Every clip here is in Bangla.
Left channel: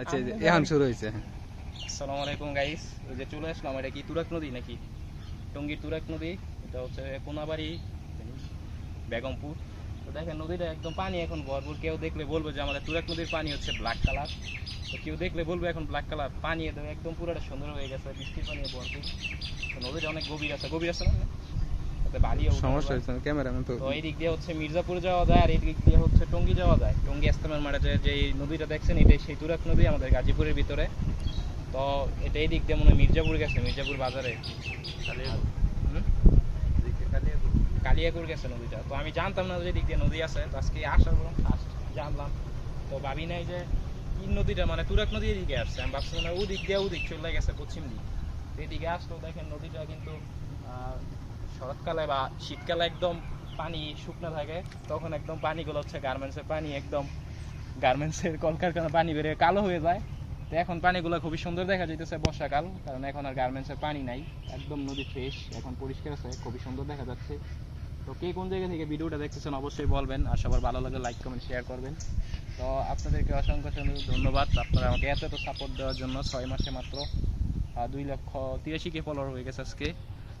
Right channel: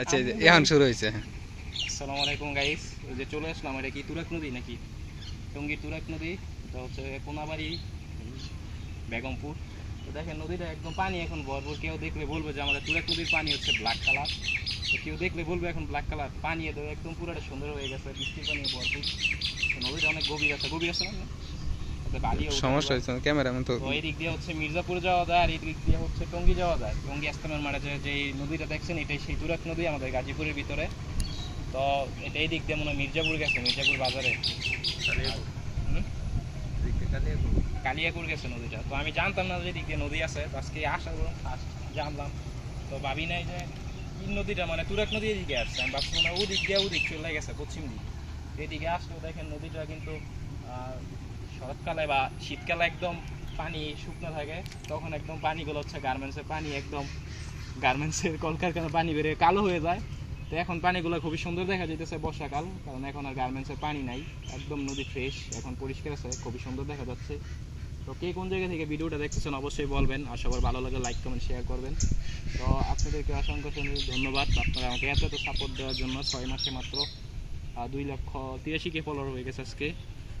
আচ্ছা এখন শুরু হয়েছে। আসসালামু আলাইকুম গাইস, ওই যে চলে আসলাম। এটা কি তুরাগ নদী নাকি টঙ্গী তুরাগ নদী? এটা হচ্ছে কোনাবাড়ি বেগমপুর। তো দেখেন নদীটা একদম পানি এখন ভরপুর। কেউ দেখলে বলবে যে আমাদের তুরাগ নদীর পানি হচ্ছে ব্ল্যাক কালার। তো কেউ দেখলে বলবে এখন ব্ল্যাক কালার পানি, একদম পুরোটা সুন্দর হয়ে গেছে, বৃষ্টির পানি ভরপুর। তো নদীটা অনেক গভীর আছে না, তাতে বালিও উঠে সমস্যা আবার। হয়েছে ক্যামেরাম্যান তো। তো এই দিক দিয়ে হচ্ছে মির্জাপুর যাওয়া যায়, আর এই দিক দিয়ে হচ্ছে টঙ্গী যাওয়া যায়। টঙ্গী আস্তানার মাঠে যে এই নদীটা দেখছেন, এটাই সেই তুরাগ নদী আমাদের গাজীপুরের ভিতরে। তো এটা এই দিক দিয়ে মনে হয় মির্জাপুর গেছে, মির্জাপুর বাজারে কালিয়াকুর গেছে নদীটা। তো আমি জানতাম না যে দিক দিয়ে নদী আছে, তো আজকে জানলাম। তো ভাবি নাই যে এই নদীটা মানে তুরাগ নদী এদিকে আসছে। আমি ভাবছি মানে ওদিক দিয়ে ওদিক চলে গেছে পশ্চিম দিক। এদিকে আসলো দেখেন নদীটা কিন্তু শরৎকালে বা শীতকালে একদম পানি শুকনো থাকে, তখন একদম পানিগুলো হচ্ছে গার্মেন্টসের পানি, একদম গার্মেন্টসের কলকারখানার পানি বেড়ে কালো হয়ে যায়। তো এখন পানিগুলো খুবই সুন্দর দেখা যাইতেছে বর্ষাকাল, কারণ এখন আর গার্মেন্টসের পানি নাই, একদম নদী ফ্রেশ, এখন পরিষ্কার আছে, খুবই সুন্দর দেখা যাচ্ছে। তো কে কোন জায়গা থেকে ভিডিওটা দেখতেছেন অবশ্যই বলবেন, আর সবার ভালো লাগে লাইক কমেন্ট শেয়ার করবেন। তো আপনাদেরকে অসংখ্য ধন্যবাদ, আপনারা আমাকে এত সাপোর্ট দেওয়ার জন্য। 6 মাসে মাত্র 2,83,000 ফলোয়ার হয়ে গেছে আজকে।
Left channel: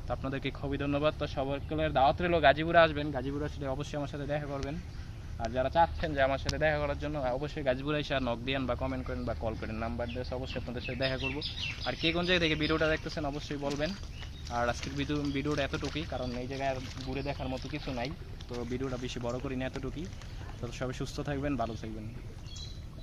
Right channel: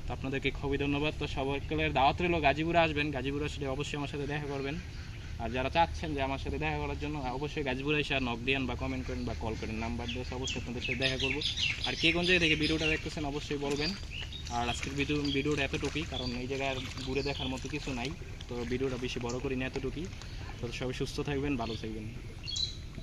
তো আপনাদেরকে খুবই ধন্যবাদ। তো সবাইকে দাওয়াত রইল, গাজীপুরে আসবেন, গাজীপুরে আসলে অবশ্যই আমার সাথে দেখা করবেন। আর যারা চাচ্ছেন যে আমার সাথে দেখা করার জন্য, অবশ্যই গাজীপুরে এসে নক দিন বা কমেন্ট করেন বা কল করেন, নাম্বার দিয়ে অবশ্যই আপনাদের সাথে দেখা করবো। আর কে কোন জায়গা থেকে ভিডিওটা দেখতেছেন অবশ্যই বলবেন। আর আজকের ভিডিওটা এতটুকুই, কারণ এই জায়গায় আর ঘুরে দেখার মতো কিছু নাই। তো ভিডিওটা বেশি বড় করি না, এতটুকুই। তো সবাই সুস্থ থাকবেন, ভালো থাকবেন।